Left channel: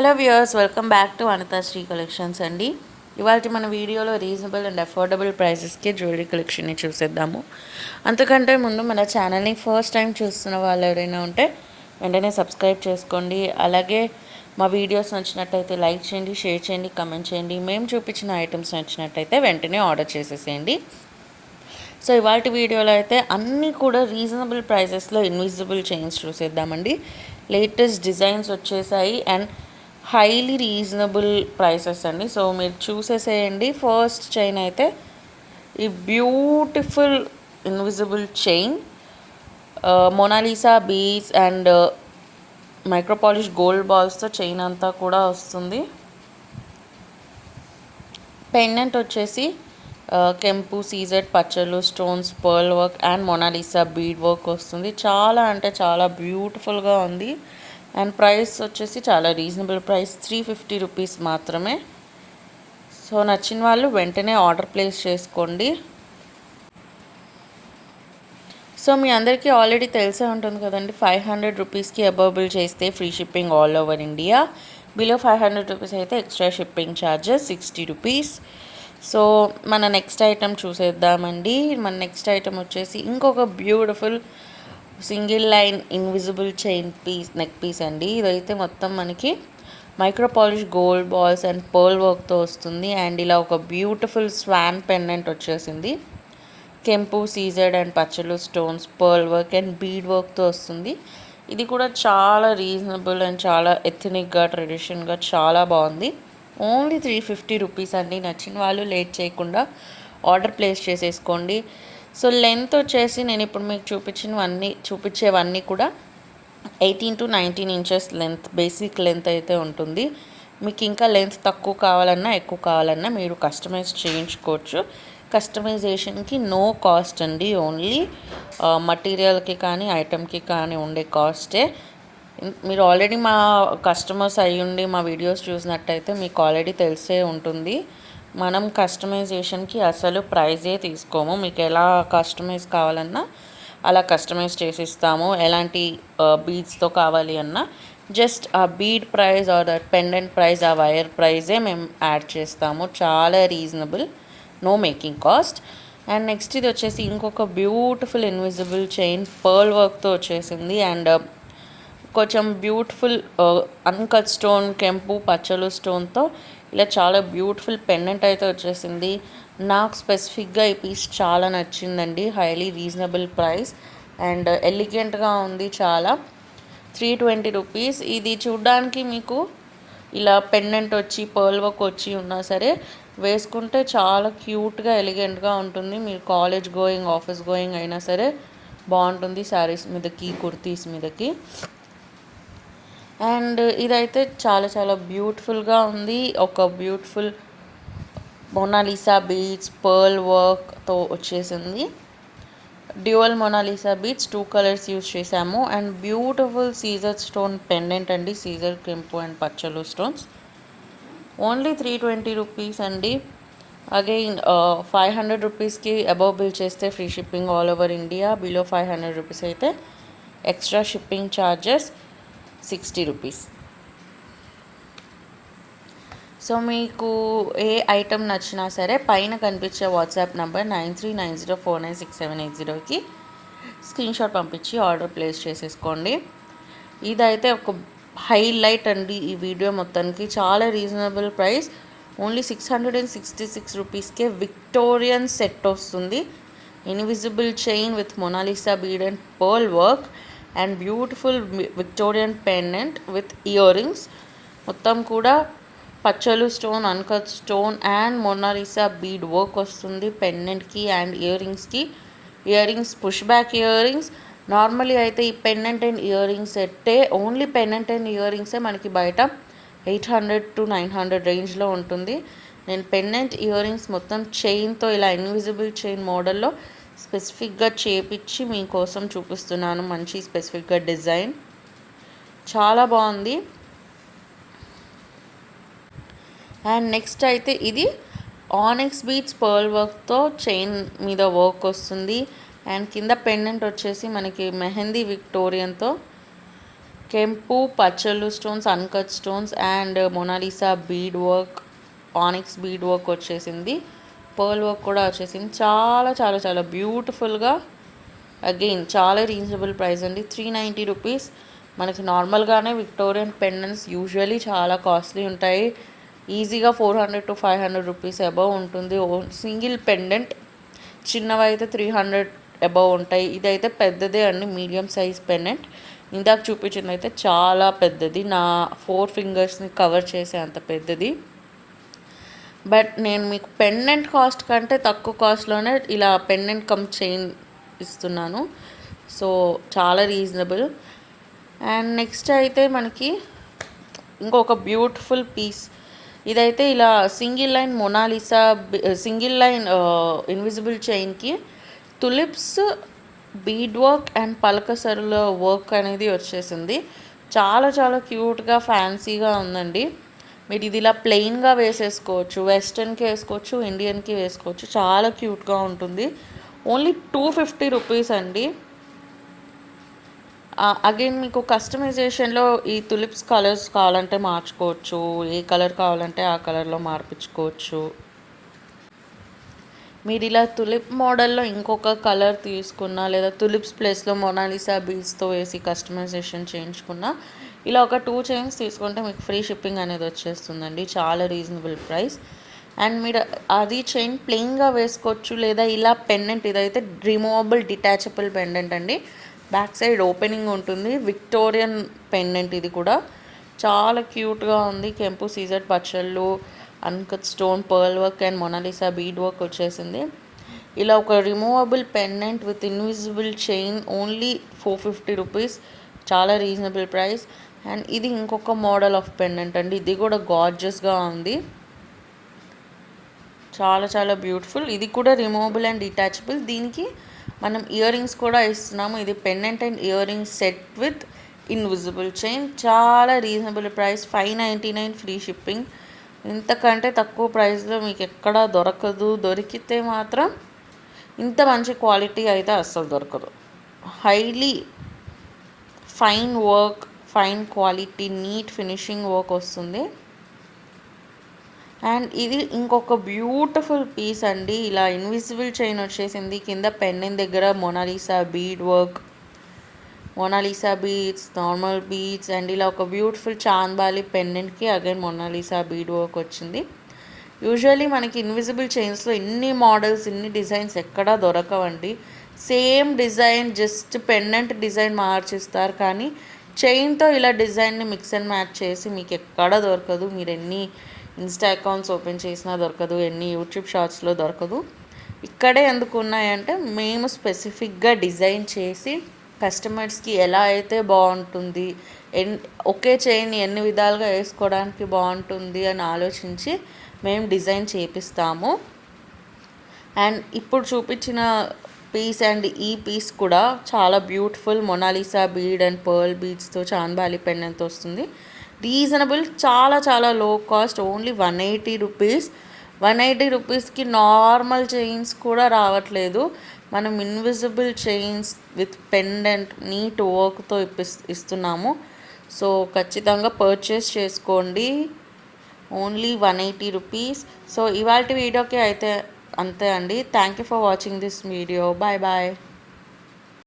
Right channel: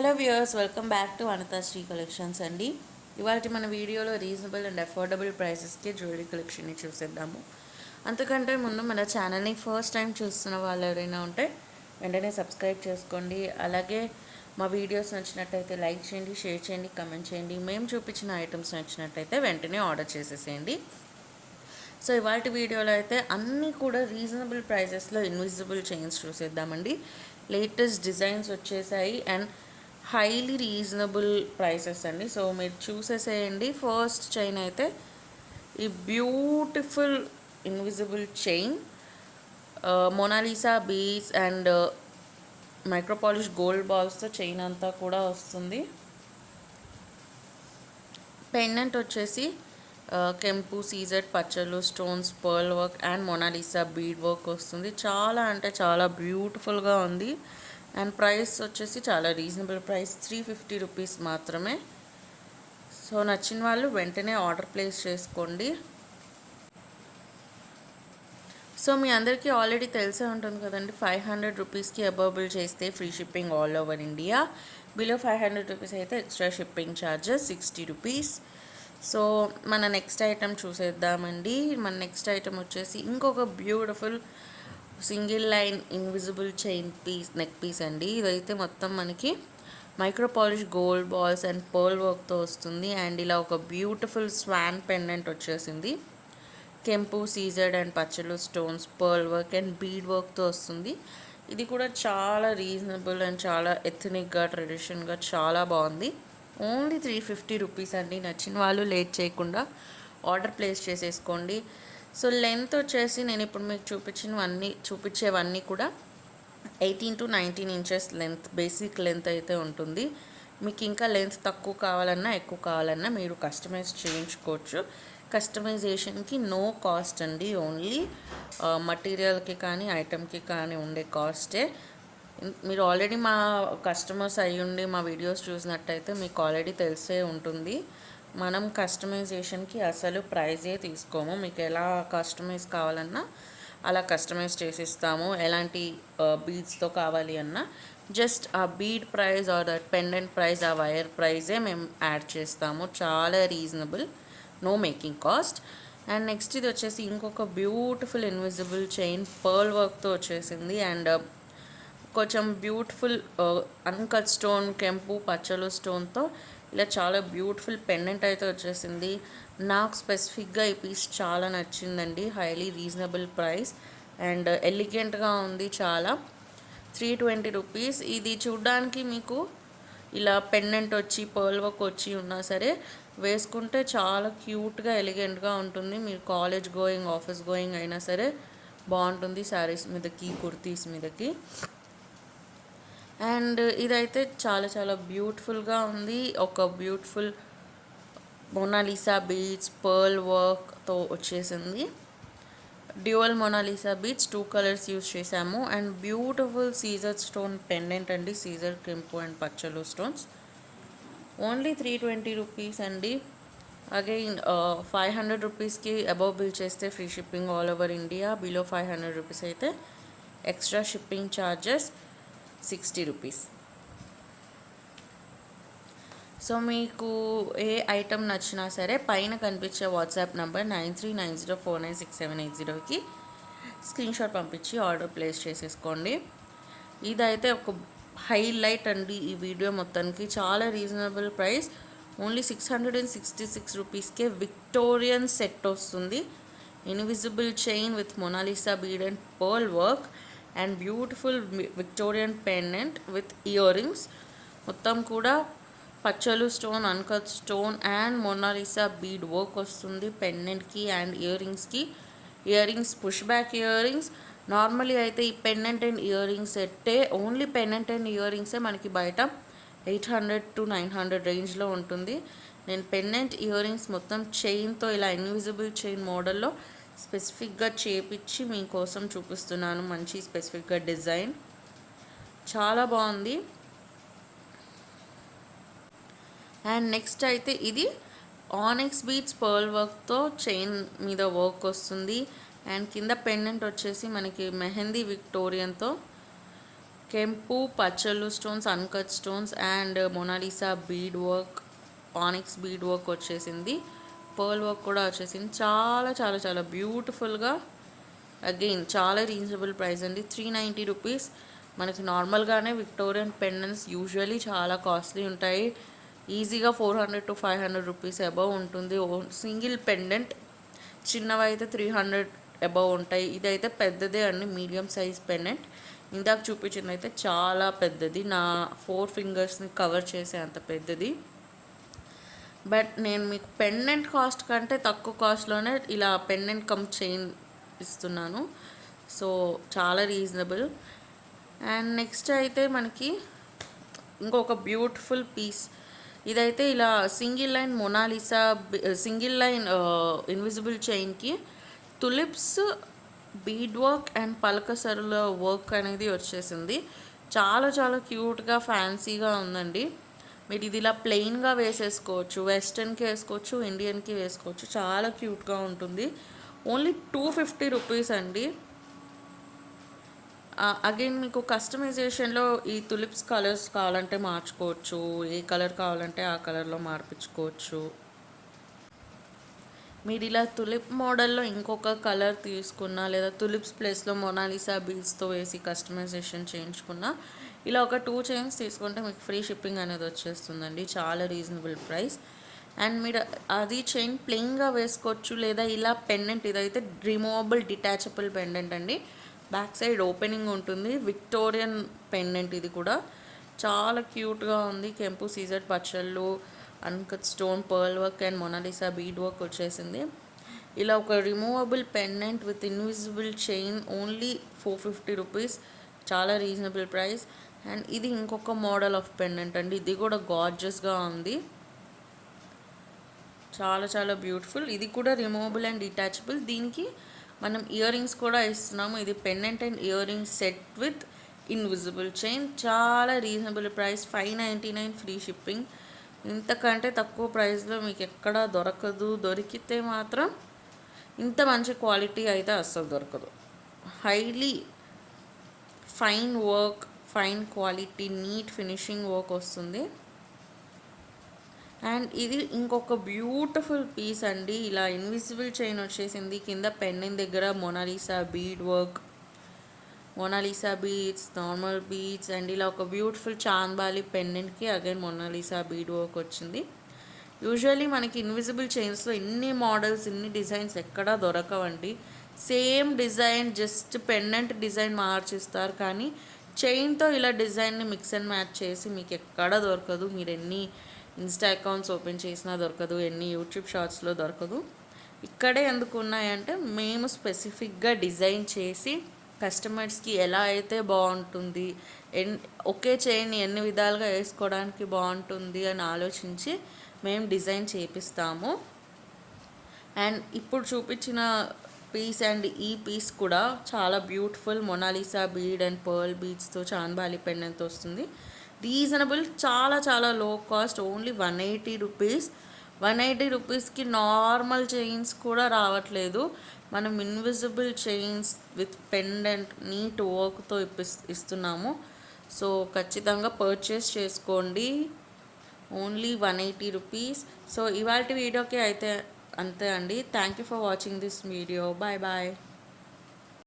Hello viewers, welcome back to Anithasri collections అండి. ఇవాళ మన వీడియోలో రీజనబుల్ అండ్ అఫోర్డబుల్ ప్రైసెస్కి జ్యువెలరీ కలెక్షన్ని చూసేద్దాము. అంతకంటే ముందు మన ఛానల్ని ఫస్ట్ టైం చూస్తున్న వాళ్ళు ఎవరైనా ఉంటే వెంటనే సబ్స్క్రైబ్ చేసుకోండి. అలాగే మా వీడియోస్ నచ్చినట్టయితే లైక్ చేయండి, షేర్ చేయండి, కమెంట్ చేయండి. మేము చూపించిన ఐటమ్స్ నచ్చినట్టయితే వెంటనే ఆర్డర్ చేసేసేయండి. సో ఇవాళ వీడియోలో అయితే అన్నీ కూడా రీజనబుల్ ప్రైజెస్లో ఇన్విజిబుల్ చైన్స్ చూసేద్దామండి. లేటెస్ట్ డిజైన్స్ వచ్చేసాయి అండ్ హైలీ రీజనబుల్ ప్రైసెస్ అండి. సో మీరు చూసేసేయండి. ఫస్ట్ చైన్ అయితే ఈ beautiful invisible chain Mona Lisa beads and micro polish gold బాల్స్తో చైన్ అంతా కూడా వస్తుంది. పెండెంట్ వచ్చేసి కెంపు, సీజెడ్, పచ్చలు, stones, pearl work and Mona Lisa bead work వస్తుంది. చాలా అంటే చాలా బ్యూటిఫుల్గా ఉంది. అండ్ ప్రైస్ వచ్చేసి చాలా రీజనబుల్ ప్రైస్, 350 రూపీస్ మాత్రమే. సో నచ్చిన వాళ్ళు వెంటనే ఆర్డర్ ప్లేస్ చేసుకోండి. సో మీ అందరికీ ఆల్రెడీ తెలిసే ఉంటుంది కదండి, 500 రూపీస్కి అబవ్ బిల్ చేస్తే free shipping all over India. Below 500 rupees అయితే extra shipping charges 60 rupees. So మన నెక్స్ట్ ఐటెం చూసేద్దామండి. మన నెక్స్ట్ ఐటెం వచ్చేసి ఇంకొక beautiful single line invisible chain piece, neck piece అండి. ఇదైతే మొత్తం మనకి micro polish gold balls and pearl వర్క్తో వస్తుంది. అండ్ ఇలా ఒక బ్యూటిఫుల్ స్వాన్ పెండెంట్ వచ్చేసింది. కెంపు, సీజెడ్ అండ్ పచ్చలు, stones, pearl work and bead వర్క్తో వస్తుంది. ఇది కూడా చాలా రీజనబుల్ అండ్ చాలా ఎథనిక్గా, ట్రెడిషన్గా చాలా బాగుంది. ఓన్లీ 350 రూపీస్ అండి. నచ్చిన వాళ్ళు లేట్ చేయకుండా ఆర్డర్ ప్లేస్ చేసేసుకోండి. సో లెంత్ వచ్చేసి నేను ఇప్పుడు మీకు చూపించేవన్నీ కూడా 18 to 19 inches length, basic length అయితే ఉంటుంది. మీకు ఇంకా లెంత్ తక్కువ కావాలన్నా ఎక్కువ కావాలన్నా మీరు కస్టమైజ్ చేయించుకోవచ్చు. కస్టమైజేషన్కి నో కాస్ట్ అండి, ఓన్లీ మటీరియల్కి కానీ ఐటెంకి కానీ ఉండే కాస్టే. మీరు ఆల్రెడీ మా కస్టమర్స్ అయ్యుండి మా వీడియోస్ చూసినట్టయితే మీకు ఆల్రెడీ తెలిసే ఉంటుంది. మనం కస్టమైజేషన్కి అసలు ప్రైజే తీసుకోము. మీకు ఎలా కస్టమైజ్ కావాలన్నా అలా కస్టమైజ్ చేసిస్తాము. ఎలాంటి బీడ్స్తో కావాలి అన్నా జస్ట్ ఆ bead price or pendant price, ఆ వైర్ ప్రైజే మేము యాడ్ చేస్తాము. చాలా reasonable, no making cost. And next ఇది వచ్చేసి ఇంకొక బ్యూటిఫుల్ ఇన్విజిబుల్ చైన్ పర్ల్ వర్క్తో వచ్చేసింది. అండ్ కొంచెం బ్యూటిఫుల్ అన్కట్ స్టోన్, కెంపు, పచ్చలు స్టోన్తో ఇలా చాలా బ్యూటిఫుల్ పెండెంట్ అయితే వచ్చేసింది. నాకు స్పెసిఫిక్గా ఈ పీస్ చాలా నచ్చిందండి. హైలీ రీజనబుల్ ప్రైస్ అండ్ ఎలిగెంట్గా ఉంది చాలా. 320 రూపీస్. ఇది చూడ్డానికి మీకు ఇలా పెండెంట్ వచ్చి పర్ల్ వర్క్ వచ్చి ఉన్నా సరే వేసుకుంటే చాలా క్యూట్గా, ఎలిగెంట్గా ఉంటుంది. మీరు కాలేజ్ గోయింగ్, ఆఫీస్ గోయింగ్ అయినా సరే బాగుంటుంది శారీస్ మీదకి, కుర్తీస్ మీదకి. అండ్ ఇదైతే చాలా చాలా బ్యూటిఫుల్గా ఉంది. ఒక బ్యూటిఫుల్ మొనాలిసా బీడ్స్, పర్ల్ వర్క్తో వచ్చేసింది. Dual Mona Lisa beads, 2 colours use చేసాము. And beautiful CZ stone pendant అండి, సీజర్, కెంపు అండ్ పచ్చలు స్టోన్స్. ఓన్లీ 320 రూపీస్ అండి. అగైన్ 500 రూపీస్కి అబవ్ బిల్ చేస్తే free shipping all over India. Below 500 rupees అయితే extra shipping charges 60 rupees. So మీకు ఏ ఐటెం నచ్చినా సరే పైన కనిపించే వాట్సాప్ నెంబర్ 9390496780కి స్క్రీన్షాట్ పంపించి ఆర్డర్ ప్లేస్ చేసేసుకోండి. ఇదైతే ఒక హైలైట్ అండి ఈ వీడియో మొత్తానికి. చాలా రీజనబుల్ ప్రైస్, ఓన్లీ 666 రూపీస్కే విక్టోరియన్ సెట్ వస్తుంది. Invisible chain with Mona Lisa bead and pearl work and beautiful Victorian pendant with earrings. మొత్తం కూడా పచ్చలు stone, uncut stone and Mona Lisa bead work వస్తుంది పెండెంట్కి అండ్ ఇయర్ రింగ్స్కి. Earrings push back earrings. Normally అయితే ఈ పెండెంట్ అండ్ ఇయర్ రింగ్స్ సెట్టే, ఓన్లీ పెండెంట్ అండ్ ఇయర్ రింగ్సే మనకి బయట 800 to 900 రేంజ్లో ఉంటుంది. నేను పెండెంట్ ఇయర్ రింగ్స్ మొత్తం చైన్తో ఇలా ఇన్విజిబుల్ చైన్ మోడల్లో స్పెసిఫిక్గా చేపించి మీకోసం చూపిస్తున్నాను. మంచి స్పెసిఫిక్గా డిజైన్ చాలా బాగుంది. అండ్ నెక్స్ట్ అయితే ఇది ఆనిక్స్ బీడ్స్ పర్ల్ వర్క్తో చైన్ మీద వర్క్ వస్తుంది. అండ్ కింద పెండెంట్ వచ్చేసి మనకి మెహందీ విక్టోరియన్తో కెంపు పచ్చళ్ళు stones, uncut stones and Mona Lisa bead work, onyx bead work వచ్చేసింది. పర్ల్ వర్క్ కూడా వచ్చేసింది. చాలా చాలా చాలా బ్యూటిఫుల్గా, అగైన్ చాలా రీజనబుల్ ప్రైస్ అండి. 390 రూపీస్. మనకి నార్మల్గానే విక్టోరియన్ పెండెంట్స్ యూజువలీ చాలా కాస్ట్లీ ఉంటాయి. ఈజీగా 400 to 500 రూపీస్ అబవ్ ఉంటుంది సింగిల్ పెండెంట్. చిన్నవైతే 300 అబవ్ ఉంటాయి. ఇదైతే పెద్దదే అండి, మీడియం సైజ్ పెండెంట్. ఇందాక చూపించింది అయితే చాలా పెద్దది, నా 4 ఫింగర్స్ని కవర్ చేసే అంత పెద్దది. బట్ నేను మీకు పెండెంట్ కాస్ట్ కంటే తక్కువ కాస్ట్లోనే ఇలా పెండెంట్ కమ్ చైన్ ఇస్తున్నాను. సో చాలా రీజనబుల్. అండ్ నెక్స్ట్ అయితే మనకి ఇంకొక బ్యూటిఫుల్ పీస్. ఇదైతే ఇలా single line Mona Lisa, single line invisible చైన్కి తులిప్స్ బీడ్ వర్క్ అండ్ పలకసరుల వర్క్ అనేది వచ్చేసింది. చాలా చాలా క్యూట్గా ఫ్యాన్సీగా ఉందండి. మీరు ఇది ఇలా ప్లెయిన్గా వేసేసుకోవచ్చు, వెస్ట్రన్కి వేసుకోవచ్చు, ఇండియన్కి వేసుకోవచ్చు. చాలా క్యూట్గా ఉంటుంది. ఓన్లీ 250 రూపీస్ అండి. అగైన్ మీకు కస్టమైజేషన్లో ఈ తులిప్స్ కలర్స్ కావాలంటే మార్చుకోవచ్చు, ఏ కలర్ కావాలంటే ఆ కలర్లో మార్పించుకోవచ్చు. మీరు ఇలా తులిప్ మోడల్లో ఇంకొక కలర్ తీసుకున్నా, లేదా తులిప్స్ ప్లేస్లో మొనాలిసా బీడ్స్తో వేసి కస్టమైజేషన్ చేయించుకున్నా, ఇలా ఒక 2 చైన్స్ తీసుకుంటే మీకు ఫ్రీ షిప్పింగ్ అనేది వచ్చేస్తుందండి. చాలా రీజనబుల్ ప్రైస్. అండ్ మీరు అది చైన్ ప్లెయిన్గా వేసుకోవచ్చు, లేదా ఇలా పెండెంట్, ఇదైతే రిమూవబుల్ డిటాచబుల్ పెండెంట్ అండి. బ్యాక్ సైడ్ ఓపెనింగ్ ఉంటుంది. విక్టోరియన్ పెండెంట్ ఇది కూడా చాలా క్యూట్గా ఉంది. కెంపు సీజర్ పచ్చళ్ళు, uncut stone, pearl work and Mona Lisa bead work వచ్చేసింది. ఇలా ఒక removable pendant with invisible chain only 450 rupees. చాలా రీజనబుల్ ప్రైస్. అండ్ ఇది ఇంకొక మోడల్ ఆఫ్ పెండెంట్ అండి. ఇది కూడా గార్జియస్గా ఉంది, చాలా చాలా బ్యూటిఫుల్. ఇది కూడా రిమూవబుల్ అండ్ డిటాచబుల్. దీనికి మనం ఇయర్ రింగ్స్ కూడా ఇస్తున్నాము. ఇది pendant and ear rings set with invisible chain. చాలా రీజనబుల్ ప్రైస్, 599 ఫ్రీ షిప్పింగ్. ఇంతకంటే తక్కువ ప్రైస్లో మీకు ఎక్కడా దొరకదు. దొరికితే మాత్రం ఇంత మంచి క్వాలిటీ అయితే అస్సలు దొరకదు. Highly fine work, fine quality, neat finishing work వస్తుంది. అండ్ ఇది ఇంకొక బ్యూటిఫుల్ పీస్ అండి. ఇలా ఇన్విజిబుల్ చైన్ వచ్చేసింది. కింద పెండెంట్ దగ్గర Mona Lisa bead work, Mona Lisa beads, normal beads and ఇలా ఒక బ్యూటిఫుల్ చాంద్బాలి పెండెంట్కి అగైన్ మొనాలిసా బీడ్ వర్క్ వచ్చింది. యూజువల్లీ మనకి ఇన్విజిబుల్ చైన్స్లో ఇన్ని మోడల్స్, ఇన్ని డిజైన్స్ ఎక్కడా దొరకవండి. Same design, just pendant design మార్చిస్తారు, కానీ చైన్తో ఇలా డిజైన్ని మిక్స్ అండ్ మ్యాచ్ చేసి మీకు ఎక్కడా దొరకదు. మీరు ఎన్ని ఇన్స్టా అకౌంట్స్ ఓపెన్ చేసినా దొరకదు, ఎన్ని యూట్యూబ్ షార్ట్స్లో దొరకదు. ఇక్కడే ఎందుకు ఉన్నాయంటే మేము స్పెసిఫిక్గా డిజైన్ చేసి కస్టమర్స్కి ఎలా అయితే బాగుంటుంది, ఒకే చైన్ ఎన్ని విధాలుగా వేసుకోవడానికి బాగుంటుంది అని ఆలోచించి మేము డిజైన్ చేపిస్తాము. అండ్ ఇప్పుడు చూపించిన పీస్ అండ్ ఈ పీస్ కూడా చాలా beautiful Mona Lisa bead and pearl బీడ్స్తో చాంద్బాలి పెండెంట్తో వస్తుంది. రీజనబుల్, చాలా చాలా లో కాస్ట్, ఓన్లీ 180 రూపీస్. 180 రూపీస్కి నార్మల్ చైన్స్ కూడా రావట్లేదు. మనం invisible chains with pendant neat వర్క్తో ఇస్తున్నాము. సో ఖచ్చితంగా పర్చేస్ చేసుకోండి. Only 180 rupees. సో ఇవాళ వీడియోకి అయితే అంతే అండి. Thank you for watching this video. Bye bye.